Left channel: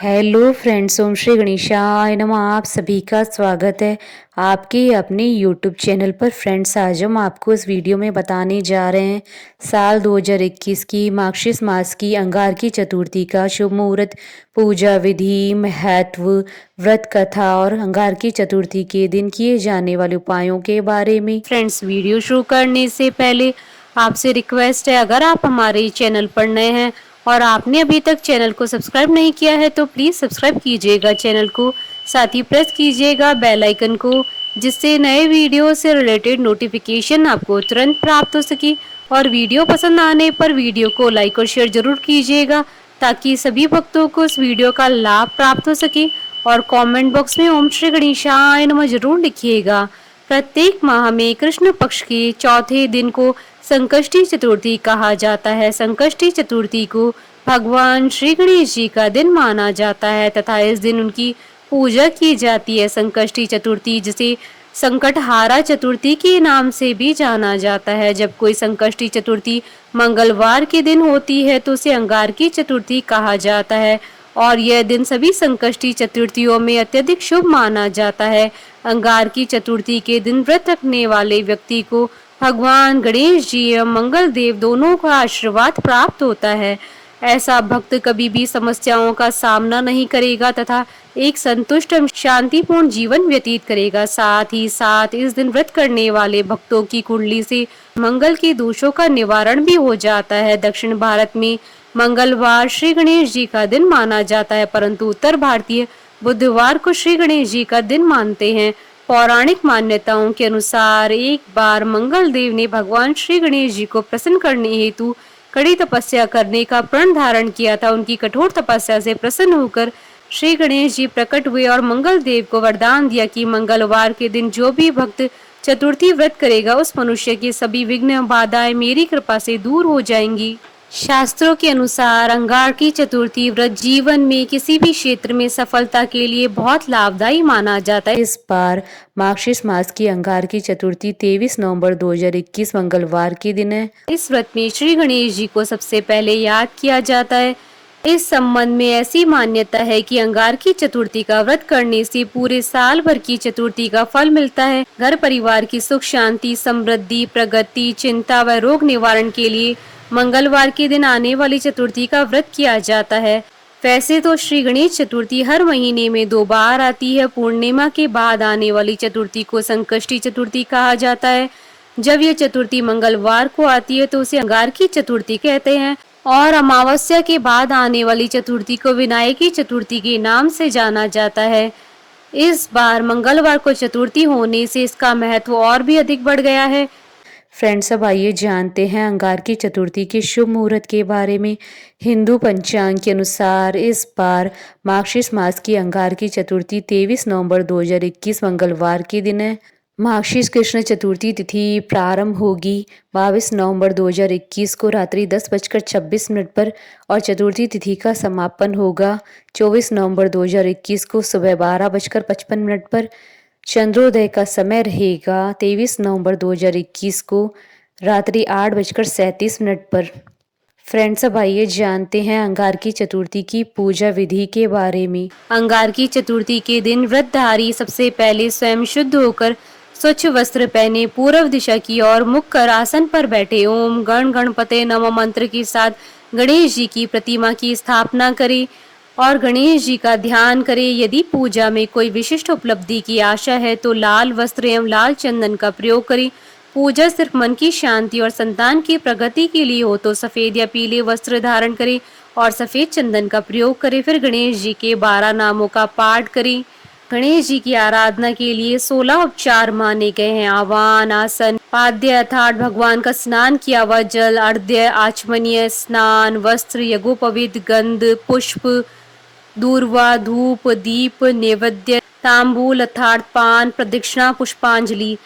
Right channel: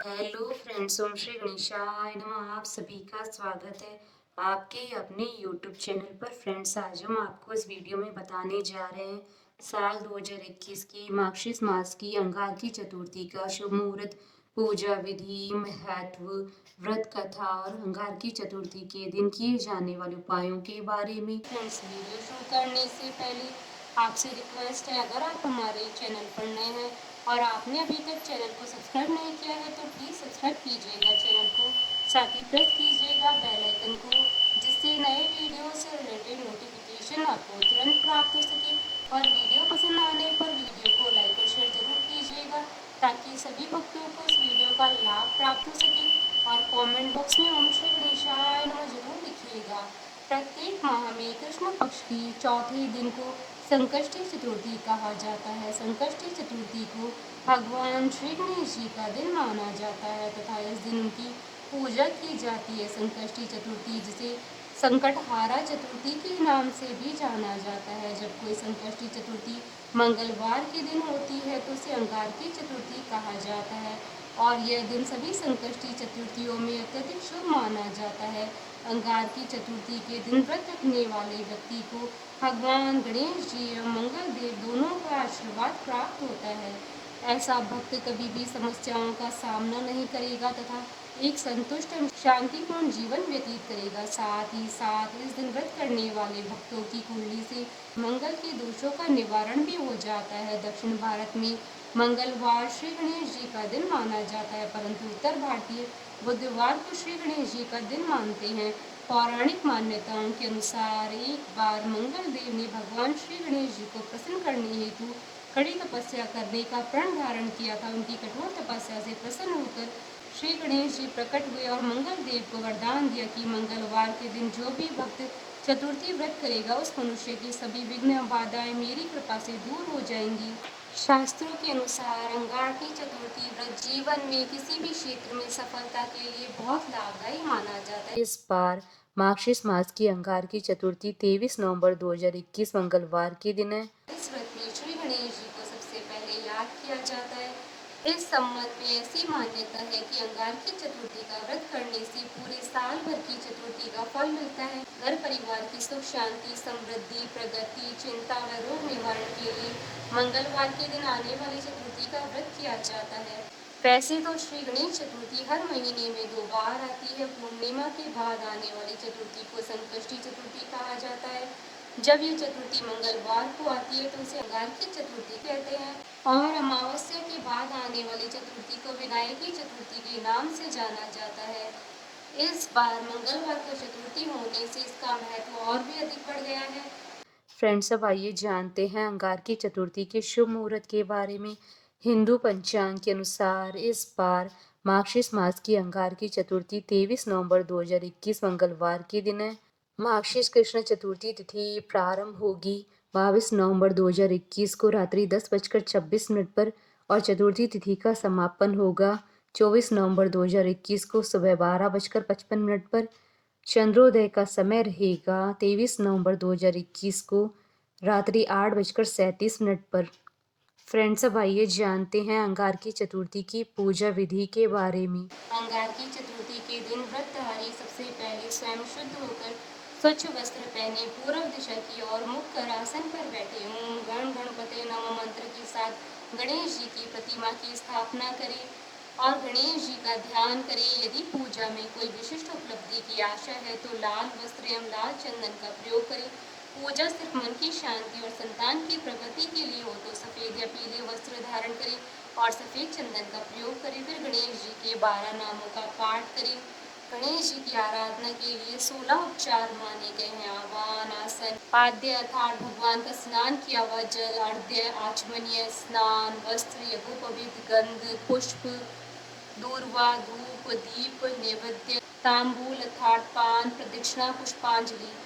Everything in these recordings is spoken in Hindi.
हेलो फ्रेंड्स, ओम श्री गणेशाय नमः। आप सभी का स्वागत है आपके अपने यूट्यूब चैनल पर। फ्रेंड्स, आज हम आपको इस वीडियो में बताने जा रहे हैं साल 2021 की मार्गशीर्ष मास की अंगारकी चतुर्थी का शुभ मुहूर्त, पूजा विधि, महत्व, व्रत कथा और अंगारकी चतुर्थी के दिन किए जाने वाले उपायों के बारे में। फ्रेंड्स, वीडियो शुरू करने से पहले आपसे रिक्वेस्ट है, अगर आप हमारे चैनल पर नए हैं और आपने अभी तक चैनल को सब्सक्राइब नहीं किया है तो प्लीज़ सब्सक्राइब कीजिएगा चैनल को, साथ ही प्रेस कीजिएगा बेल आइकन को, जिससे नए वीडियो से रिलेटेड नोटिफिकेशन आपको तुरंत प्राप्त हो सके। और वीडियो पसंद आने पर वीडियो को लाइक और शेयर जरूर कीजिएगा ताकि सभी भक्तों को इस वीडियो का लाभ प्राप्त हो सके। और कमेंट बॉक्स में ओम श्री गणेशाय नमः जरूर लिखिएगा। प्रत्येक माह में कृष्ण पक्ष के चौथे दिन को संकष्टी चतुर्थी कहा जाता है। संकष्टी चतुर्थी को भगवान श्री गणेश जी का दिन माना जाता है तथा इस दिन उनकी पूजा की जाती है। संकष्टी चतुर्थी जिसे संकटहारा चतुर्थी के नाम से भी जाना जाता है। जब कोई संकष्टी चतुर्थी मंगलवार के दिन होती है तो उसे अंगारकी चतुर्थी कहा जाता है और यह दिन सभी संकष्टी चतुर्थियों में अत्यधिक शुभ माना जाता है। अंगारकी चतुर्थी के दिन व्रत रखने वाले व्यक्ति को भगवान गणेश जी एवं मंगल देव दोनों का आशीर्वाद प्राप्त होता है। ऐसा भक्त कभी भी समस्याओं का सामना नहीं करेगा तथा एक संतुष्ट एवं शांतिपूर्ण जीवन व्यतीत करेगा। साथ ही साथ इस दिन व्रत करने वाले भक्तों की कुंडली से मंगल के दोषों का निवारण भी हो जाता है। दक्षिण भारत में मंगलवार श्री गणेश जी का दिन माना जाता है, परंतु उत्तर भारतीय बुधवार को श्री गणेश जी का दिन मानते हैं। पौराणिक मान्यताओं के अनुसार एक बार मंगल देव ने भगवान श्री गणेश जी को प्रसन्न करने हेतु कड़ी तपस्या करने का प्रण धारण किया था। उनकी कठोर तपस्या से प्रसन्न होकर श्री गणेश जी प्रकट हुए और मंगल देव को वरदान दिया कि मंगलवार के दिन जो भी भक्त चतुर्थी व्रत करेगा उस मनुष्य की सभी विघ्न बाधाएं मेरी कृपा से दूर हो जाएंगी। शास्त्रों के अनुसार अंगारकी चतुर्थी व्रत जीवन में किसी भी क्षेत्र में सफलता के लिए बहुत लाभदायी माना जाता है। इस बार मार्गशीर्ष मास की अंगारकी चतुर्थी 23 नवंबर 2021 मंगलवार के दिन है। इस व्रत में श्री गणेश जी को सबसे पहले याद किया जाता है। इस संबंध में ऐसी मान्यता है कि अंगारकी चतुर्थी का व्रत करने से पूरे साल भर की चतुर्थी का फल मिलता है। घर परिवार की सुख शांति, समृद्धि, प्रगति, चिंता व रोग निवारण के लिए मंगलवार के दिन आने वाली चतुर्थी का व्रत किया जाता है। वैसे तो श्री गणेश चतुर्थी हर महीने में 2 बार आती है। पूर्णिमा के बाद आने वाली चतुर्थी को संकष्टी चतुर्थी कहा जाता है। जब यह चतुर्थी मंगलवार को आती है तो उसे अंगारकी चतुर्थी कहते हैं और अमावस्या के बाद आने वाली चतुर्थी को विनायकी चतुर्थी के नाम से जाना जाता है। इस बार मंगलवार को चतुर्थी होने से इसका महत्व और भी अधिक बढ़ गया है। फ्रेंड्स, अब आइए जानते हैं अंगारकी चतुर्थी के शुभ मुहूर्त के बारे में। हिंदू पंचांग के अनुसार इस बार मार्गशीर्ष मास की अंगारकी चतुर्थी 23 नवंबर 2021 मंगलवार के दिन है। मार्गशीर्ष कृष्ण चतुर्थी तिथि प्रारंभ होगी 22 नवंबर 2021 को रात्रि 10:26 पर और चतुर्थी तिथि का समापन होगा 24 नवंबर 2021 को सुबह 12:55 पर। चंद्रोदय का समय रहेगा 23 नवंबर 2021 को रात्रि 8:37 पर। फ्रेंड्स, अब आइए जानते हैं अंगारकी चतुर्थी की पूजा विधि के बारे में। अंगारकी चतुर्थी के दिन व्रतधारी सबसे पहले स्वयं शुद्ध होकर स्वच्छ वस्त्र पहने पूर्व दिशा की ओर मुख कर आसन पर बैठे ओम गण गणपते नमः मंत्र के साथ गणेश जी की प्रतिमा की स्थापना करें और गणेश जी का ध्यान करें। यदि पूजा में कोई विशिष्ट उपलब्धि की आशा है तो लाल वस्त्र एवं लाल चंदन का प्रयोग करें। पूजा सिर्फ मन की शांति और संतान की प्रगति के लिए हो तो सफेद या पीले वस्त्र धारण करें और सफेद चंदन का प्रयोग करें। फिर गणेश जी के 12 नामों का पाठ करें। गणेश जी की आराधना के लिए 16 उपचार माने गए हैं। आवाहन, आसन, पाद्य अर्थात भगवान का स्नान किया हुआ जल, अर्घ्य, आचमनीय, स्नान, वस्त्र, यज्ञोपवीत, गंध, पुष्प, दूर्वा, धूप, दीप, नैवेद्य, तांबूल अर्थात पान, प्रदक्षिणा, पुष्पांजलि।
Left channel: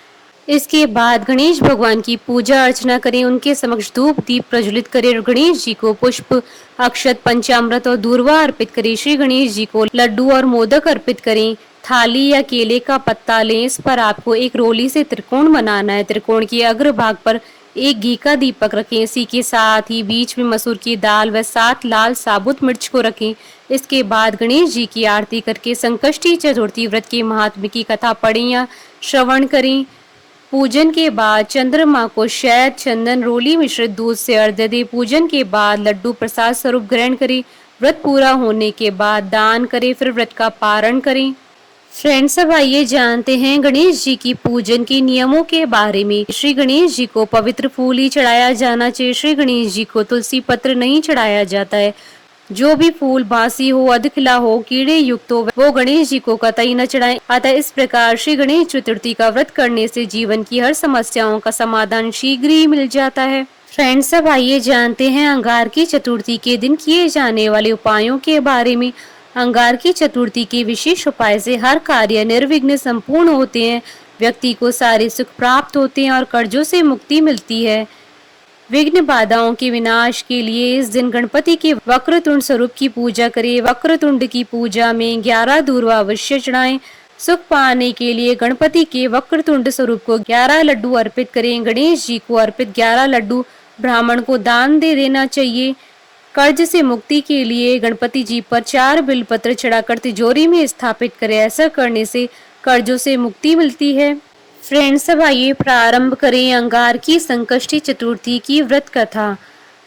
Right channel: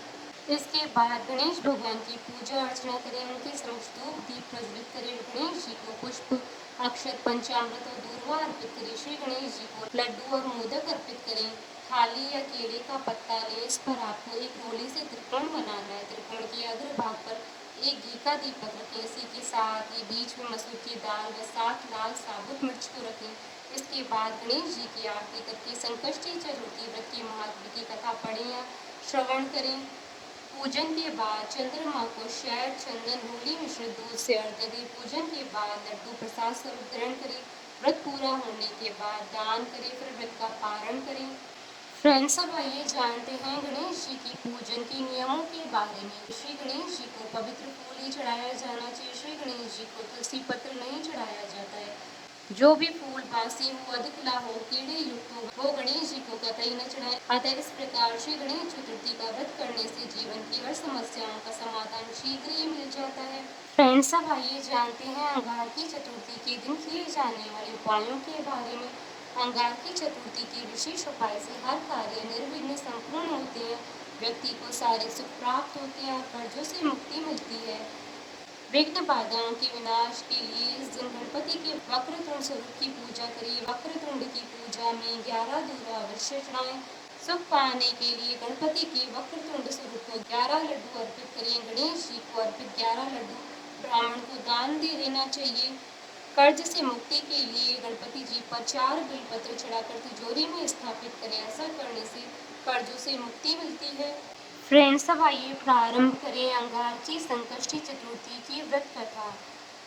इसके बाद गणेश भगवान की पूजा अर्चना करें, उनके समक्ष धूप दीप प्रज्वलित करें और गणेश जी को पुष्प, अक्षत, पंचामृत और दूर्वा अर्पित करें। श्री गणेश जी को लड्डू और मोदक अर्पित करें। थाली या केले का पत्ता लें। इस पर आपको एक रोली से त्रिकोण बनाना है। त्रिकोण के अग्र भाग पर एक घी का दीपक रखें। इसी के साथ ही बीच में मसूर की दाल व 7 लाल साबुत मिर्च को रखें। इसके बाद गणेश जी की आरती करके संकष्टी चतुर्थी व्रत के महात्म्य की कथा पढ़ें या श्रवण करें। पूजन के बाद चंद्रमा को शहद, चंदन, रोली मिश्रित दूध से अर्घ्य दें। पूजन के बाद लड्डू प्रसाद स्वरूप ग्रहण करें। व्रत पूरा होने के बाद दान करें, फिर व्रत का पारण करें। फ्रेंड्स, अब आइए जानते हैं गणेश जी की पूजन के नियमों के बारे में। श्री गणेश जी को पवित्र फूल ही चढ़ाया जाना चाहिए। श्री गणेश जी को तुलसी पत्र नहीं चढ़ाया जाता है। जो भी फूल बासी हो, अधखिला हो, कीड़े युक्त हो, वो गणेश जी को कतई न चढ़ाएं। अतः इस प्रकार श्री गणेश चतुर्थी का व्रत करने से जीवन की हर समस्याओं का समाधान शीघ्र ही मिल जाता है। फ्रेंड्स, अब आइए जानते हैं अंगार की चतुर्थी के दिन किए जाने वाले उपायों के बारे में। अंगार की चतुर्थी के विशेष उपाय से हर कार्य निर्विघ्न संपूर्ण होते हैं, व्यक्ति को सारे सुख प्राप्त होते हैं और कर्जों से मुक्ति मिलती है। विघ्न बाधाओं के विनाश के लिए इस दिन गणपति के वक्रतुंड स्वरूप की पूजा करें। वक्रतुंड की पूजा में 11 दूर्वा अवश्य चढ़ाएं। सुख पाने के लिए गणपति के वक्रतुंड स्वरूप को 11 लड्डू अर्पित करें। गणेश जी को अर्पित 11 लड्डू ब्राह्मण को दान दे देना चाहिए। कर्ज से मुक्ति के लिए गणपति जी पर 4 बिलपत्र चढ़ाकर तिजोरी में स्थापित करें। ऐसा करने से कर्जों से मुक्ति मिलती है। फ्रेंड्स, अब आइए प्रारंभ करें अंगार की संकष्टी चतुर्थी की व्रत कथा।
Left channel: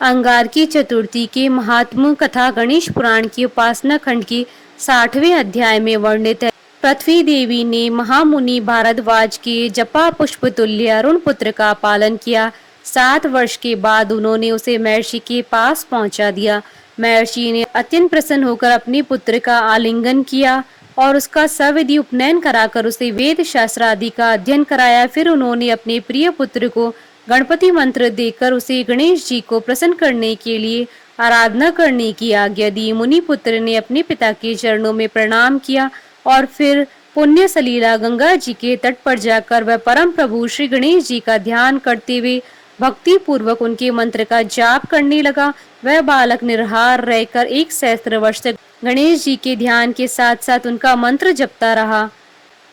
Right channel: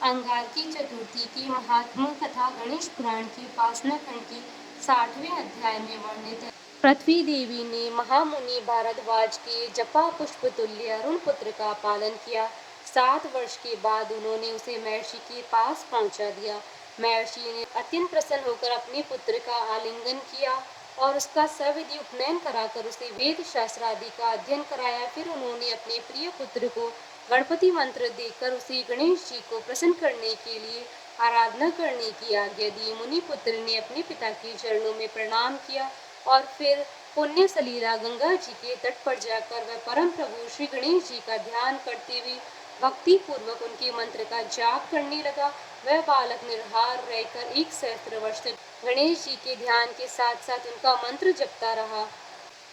अंगार की चतुर्थी के महात्म कथा गणेश पुराण की उपासना खंड के 60वें अध्याय में वर्णित है। पृथ्वी देवी ने महामुनि भारद्वाज के जपा पुष्प तुल्य अरुण पुत्र का पालन किया। 7 वर्ष के बाद उन्होंने उसे महर्षि के पास पहुंचा दिया। महर्षि ने अत्यंत प्रसन्न होकर अपने पुत्र का आलिंगन किया और उसका सविधि उपनयन कराकर उसे वेद शास्त्र आदि का अध्ययन कराया। फिर उन्होंने अपने प्रिय पुत्र को गणपति मंत्र देकर उसे गणेश जी को प्रसन्न करने के लिए आराधना करने की आज्ञा दी। मुनि पुत्र ने अपने पिता के चरणों में प्रणाम किया और फिर पुण्य सलीला गंगा जी के तट पर जाकर वह परम प्रभु श्री गणेश जी का ध्यान करते हुए भक्ति पूर्वक उनके मंत्र का जाप करने लगा। वह बालक निराहार रहकर 1 सहस्त्र वर्ष तक गणेश जी के ध्यान के साथ साथ उनका मंत्र जपता रहा।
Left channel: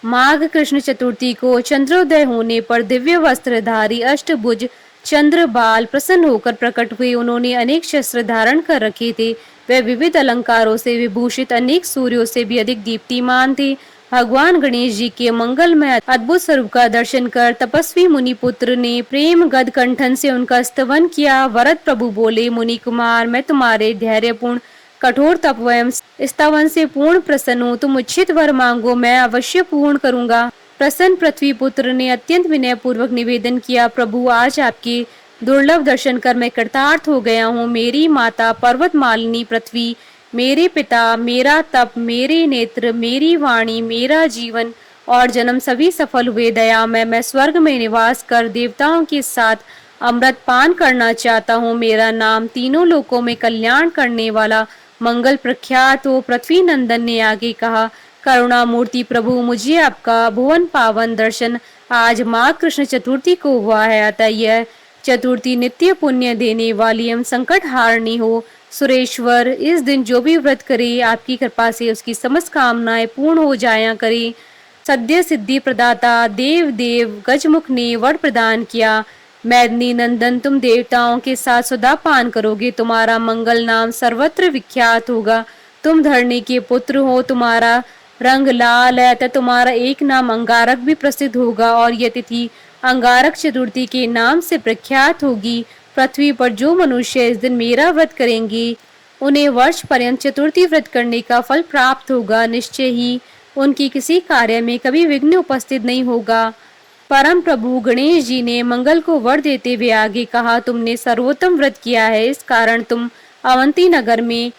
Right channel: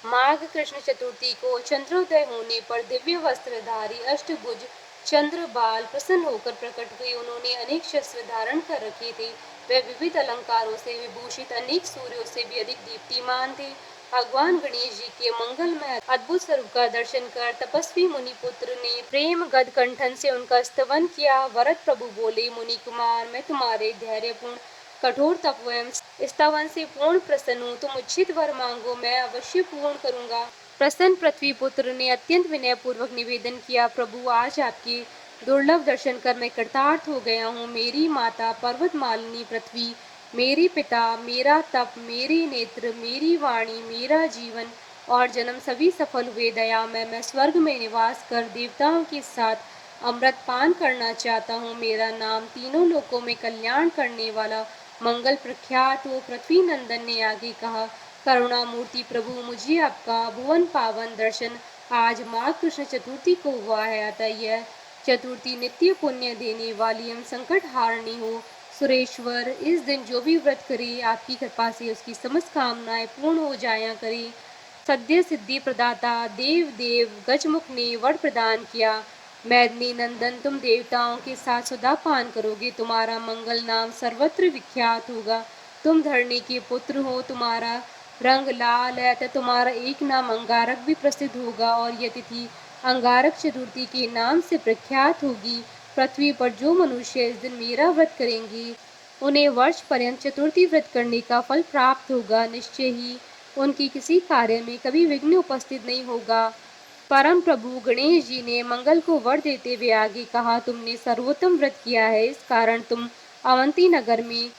माघ कृष्ण चतुर्थी को चंद्रोदय होने पर दिव्य वस्त्रधारी अष्टभुज चंद्र बाल प्रसन्न होकर प्रकट हुए। उन्होंने अनेक शस्त्र धारण कर रखे थे। वे विविध अलंकारों से विभूषित अनेक सूर्यों से भी अधिक दीप्तिमान थे। भगवान गणेश जी के मंगलमय अद्भुत स्वरूप का दर्शन कर तपस्वी मुनि पुत्र ने प्रेम गद कंठन से उनका स्तवन किया। वरद प्रभु बोले, मुनि कुमार, मैं तुम्हारे धैर्यपूर्ण कठोर तप एवं स्तवन से पूर्ण प्रसन्न हूँ। तुम उचित वर मांगो, मैं अवश्य पूर्ण करूंगा। प्रसन्न पृथ्वी पुत्र ने अत्यंत विनय पूर्वक निवेदन किया, प्रभु आज आपके दुर्लभ दर्शन कर मैं कृतार्थ हो गया हूँ। मेरी माता पर्वत मालिनी पृथ्वी, मेरे पिता, मेरा तप, मेरे नेत्र, मेरी वाणी, मेरा जीवन और जन्म सभी सफल हुए। दया मैं स्वर्ग में निवास कर देवताओं के साथ अमृत पान करना चाहता हूँ। मेरा नाम तीनों लोकों में कल्याण करने वाला मंगल प्रख्यात हो। पृथ्वी नंदन ने आगे कहा, करुणा मूर्ति प्रभु, मुझे आपका भुवन पावन दर्शन आज माघ कृष्ण चतुर्थी को हुआ है। अतः यह चतुर्थी नित्य पुण्य देने वाली एवं संकट हारनी हो। सुरेश्वर, इस दिन जो भी व्रत करे आपकी कृपा से उसकी समस्त कामनाएं पूर्ण हो जाया करे। सद्य सिद्धि प्रदाता देव देव गजमुख ने वर प्रदान किया। मैदनी नंदन, तुम देवताओं के साथ सदा पान करोगे। तुम्हारा मंगल नाम सर्वत्र विख्यात होगा। तुम धरणी के पुत्र हो, तुम्हारा रंग लाल है, तथा तुम्हारा एक नाम अंगारक भी प्रसिद्ध होगा और यह तिथि अंगारक चतुर्थी के नाम से प्रख्यात होगी। पृथ्वी पर जो मनुष्य इस दिन मेरा व्रत करेंगे उन्हें वर्ष पर्यंत चतुर्थी व्रत करने का फल प्राप्त होगा। निश्चय ही उनकी किसी कार्य में कभी विघ्न उपस्थित नहीं होगा। परम प्रभु गणेश जी ने मंगल को वर देते हुए आगे कहा, तुमने सर्वोत्तम व्रत किया है, इस कारण तुम अवंती नगर में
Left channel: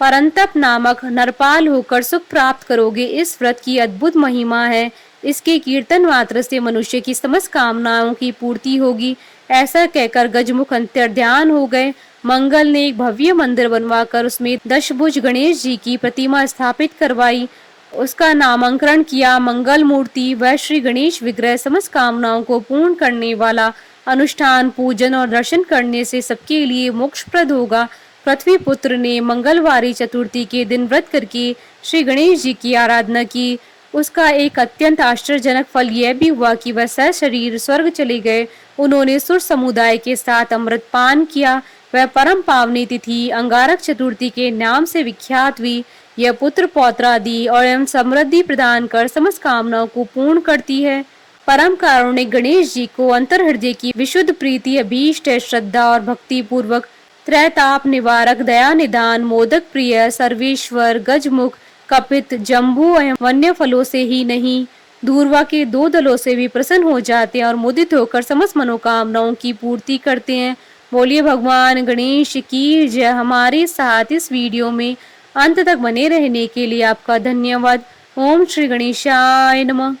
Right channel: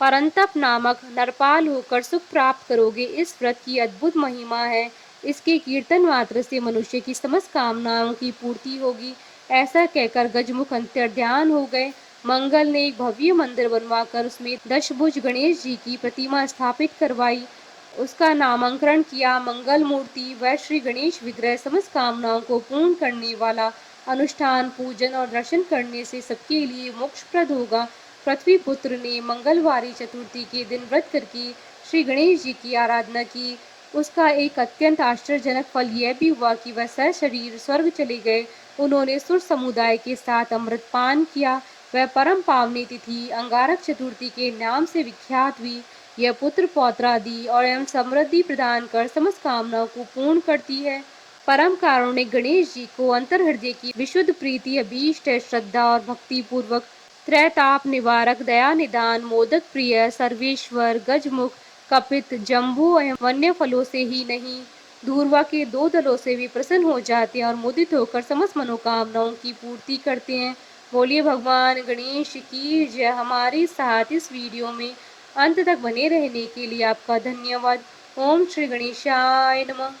परंतप नामक नरपाल होकर सुख प्राप्त करोगे। इस व्रत की अद्भुत महिमा है। इसके कीर्तन मात्र से मनुष्य की समस्त कामनाओं की पूर्ति होगी। ऐसा कहकर गजमुख अंतर्ध्यान हो गए। मंगल ने एक भव्य मंदिर बनवाकर उसमें दशभुज गणेश जी की प्रतिमा स्थापित करवाई। उसका नामकरण किया मंगल मूर्ति। वह श्री गणेश विग्रह समस्त कामनाओं को पूर्ण करने वाला अनुष्ठान, पूजन और दर्शन करने से सबके लिए मोक्षप्रद होगा। पृथ्वी पुत्र ने मंगलवारी चतुर्थी के दिन व्रत करके श्री गणेश जी की आराधना की। उसका एक अत्यंत आश्चर्यजनक फल यह भी हुआ कि वह सशरीर स्वर्ग चले गए। उन्होंने सुर समुदाय के साथ अमृतपान किया। वह परम पावनी तिथि अंगारक चतुर्थी के नाम से विख्यात हुई। यह पुत्र पौत्रादि और एवं समृद्धि प्रदान कर समस्त कामनाओं को पूर्ण करती है। परम कारुणिक गणेश जी को अंतर हृदय की विशुद्ध प्रीति अभीष्ट है। श्रद्धा और भक्ति पूर्वक त्रैताप निवारक, दया निदान, मोदक प्रिय, सर्वेश्वर, गजमुख, कपित, जम्बू एवं वन्य फलों से ही नहीं, धूर्वा के 2 दलों से भी प्रसन्न हो जाते हैं और मुदित होकर समस्त मनोकामनाओं की पूर्ति करते हैं। बोलिए भगवान गणेश की जय। हमारे साथ इस वीडियो में अंत तक बने रहने के लिए आपका धन्यवाद। ओम श्री गणेशाय नमः।